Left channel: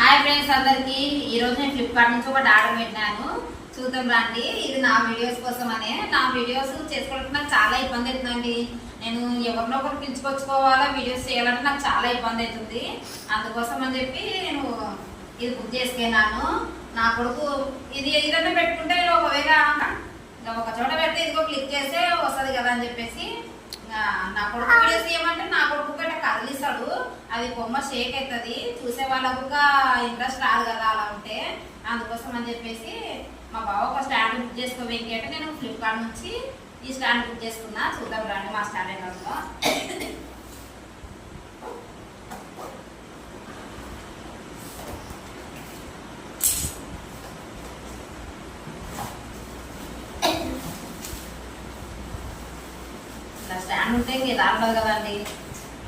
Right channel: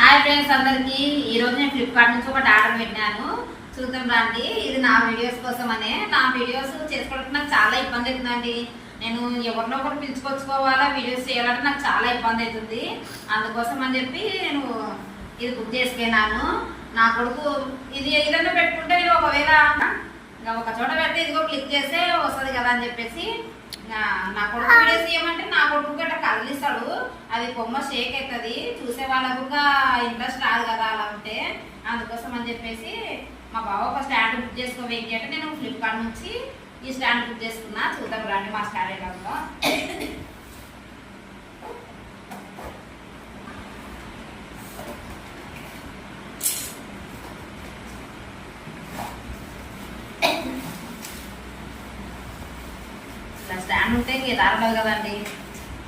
Hi friends అందరికి ఈ రోజు నేను ఫ్లిప్కార్ట్ నుంచి ఒకటి ఆర్డర్ పెట్టాను. చూద్దాం రండి. ఇది నా వీడియోస్ కోసమనే. నా వీడియోస్ చేసుకోవడానికి నాకు చాలా ఇబ్బంది అవుతుందండి. నేను ఎవరినో ఒకరు పిలుచుకొచ్చుకోవాలా, వీడియోస్ చేయాలంటే నాకు చాలా ఇబ్బంది అవుతుంది. అందుకోసం అని చెప్పి నేను ఇది బుక్ చేసుకున్నాను. నా కొడుకు ఇది ఏదైనా పెట్టుకుంటే నేను ఒకవేళ ఒక చోట పెడితే ఇదిగో క్లిక్ చేస్తే వస్తుంది కదా అని చెప్పేసి నా కొడుకు వీడియోస్ చేయమంటే నా కొడుకు గట్ట కదిలిస్తాడు. అది బొమ్మ షేక్ అవుతుంది, చూసే వాళ్ళకు ఇంట్రెస్ట్ రాదు కదా అలా ఉంటే. అందుకోసం అని చెప్పేసి మా బావ ఒక స్టాండ్ బుక్ చేసుకోవేంటి అంటే నేను ఫ్లిప్కార్ట్ నుంచి ఈ స్టాండ్ బుక్ చేసుకున్నా. చూద్దాం రండి మా స్టాండ్ ఎలా ఉందో. స్టాండ్ ఉంటే ఇంక ఎలా ఉండదు కదండి.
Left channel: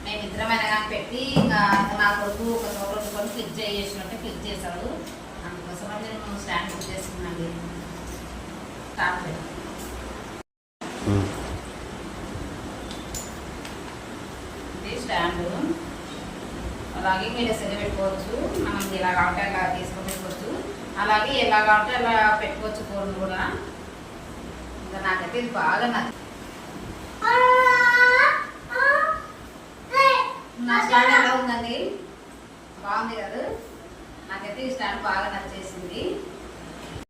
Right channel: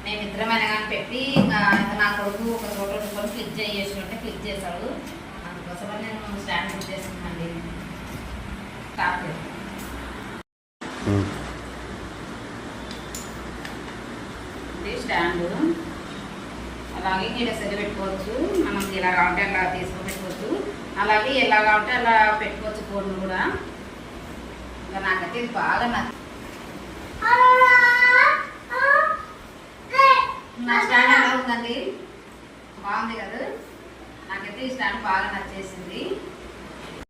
నేను ఇద్దరమైన కానీ పెట్టి ఇంకా నా కొడుకు ఒక చోట ఉంచుకొని క్లిక్ చేసినట్టే క్లిక్ చేశాడు. అందుకోసమని నేను స్టాండ్ బుక్ చేసుకున్నాండి. స్టార్ట్ చేయండి. స్టాండ్ అలాగే మీరు సెల్ పెట్టుకోవచ్చు. మనం ఎలా కావాలంటే అలా తీసుకొని పెట్టుకోవచ్చు. అలాగే ఎలా కావాలంటే అలా పెట్టుకోవచ్చు ఫోన్ కూడా. ఇంకా నాకైతే ఇది బాగా నచ్చింది. నా స్టాండ్ ఎలా ఉందండి? బాగుంది కదా. నాకైతే ఈ స్టాండ్ బాగా నచ్చింది.